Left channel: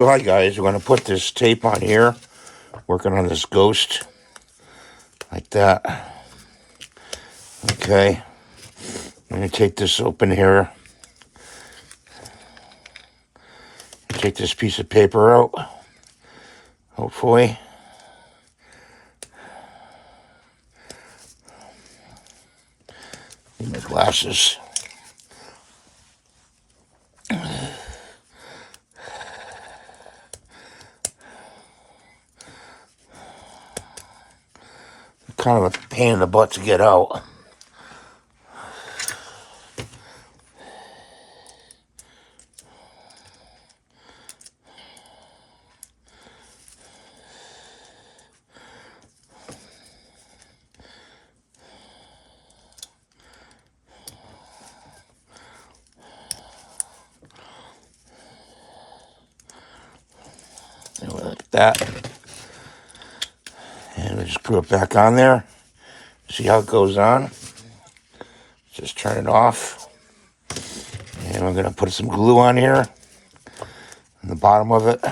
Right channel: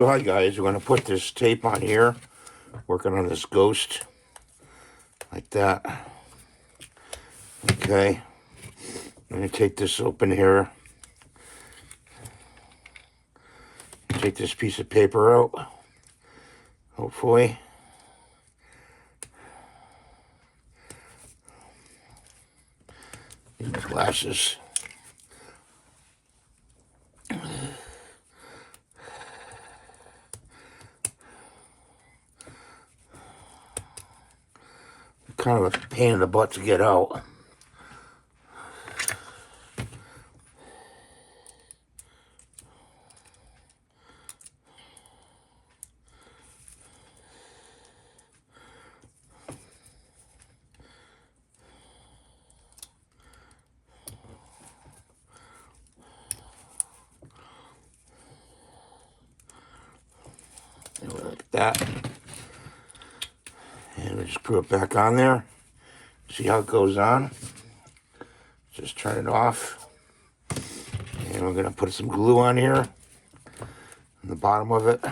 Hi guys, we're going to put this tape on here, working on this ghost, like that. Okay, I'm going to take this open here, take this piece of paper out, hopefully. My glasses. Kind of a pain in the butt to get out. Like that. And we just screw it back on there. See how it goes on. Just turn it off. And we're going to put some glue on here, on the bottom of it.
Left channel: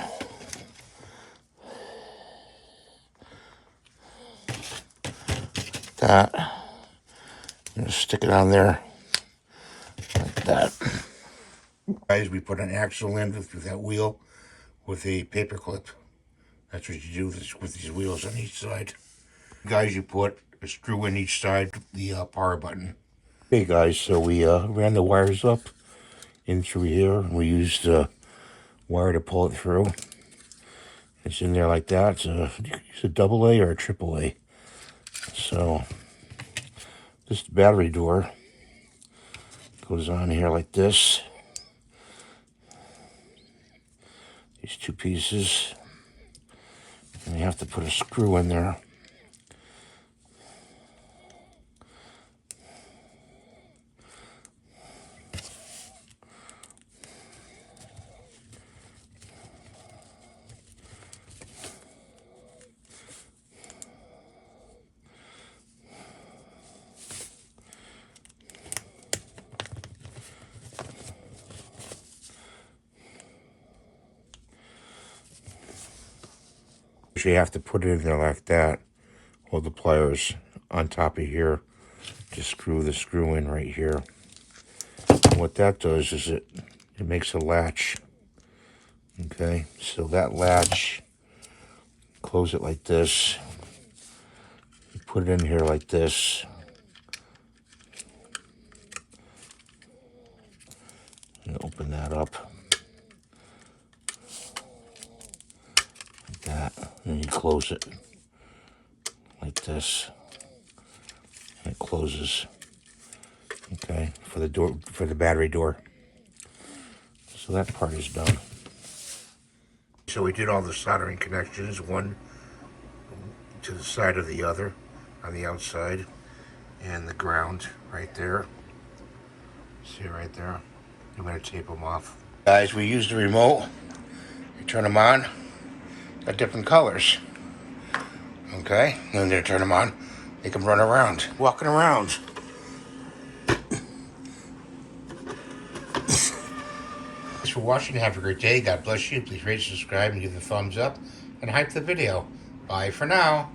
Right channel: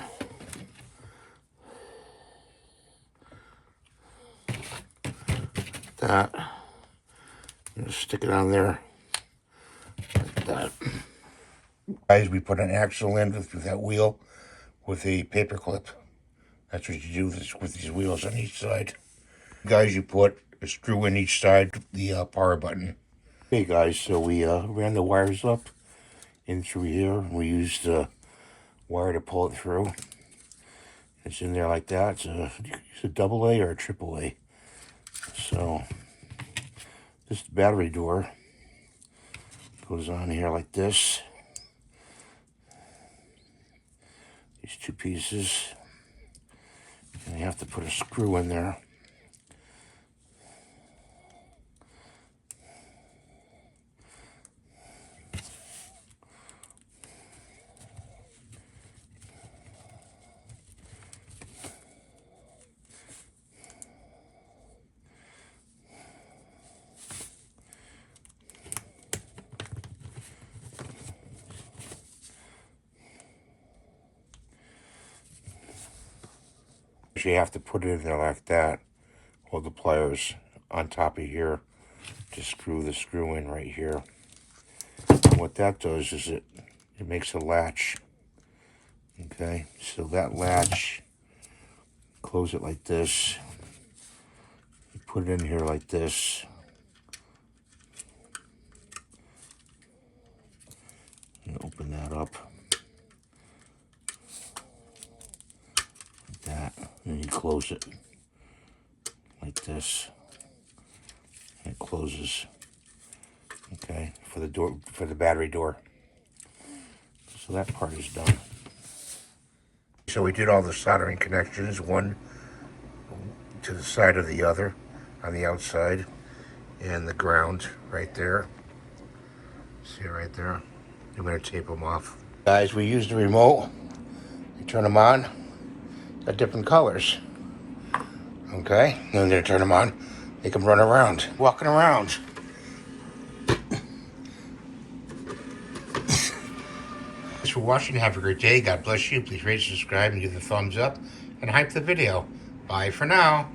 Like that. And just stick it on there, like that. Guys, we put an axle in with that wheel with a paper clip. That's what you do with these wheels on each side. Guys, you put a screw in each side of the power button. Okay guys, so we ran the wires up in through here, and we used wire to pull it through. It's in there like that. It's a double A or a triple A. So this battery door goes on here like this. These two pieces, and you have to put a screw in there. You have to put it in there like that. Hold the pliers on top of here to screw the screw in right here. And what that does is it makes a latch. Okay, so that latch, close it like this. You put it in here like this. And open that up. That, and you close it like this, and it closes. Okay, for the door, for the battery door. So that part is done. So we did all the soldering connections, one to the side of the other on the outside, and the ground right there. See right there? I'm gonna tape them off. Guys, we used the remote. You turn them on. Got different colors. Okay, and then they turn them on. They can run around, walking around. Thanks for watching. Have a great day. God bless you. Please rate, subscribe, and give the thumbs up, and hype the video. Bye for now.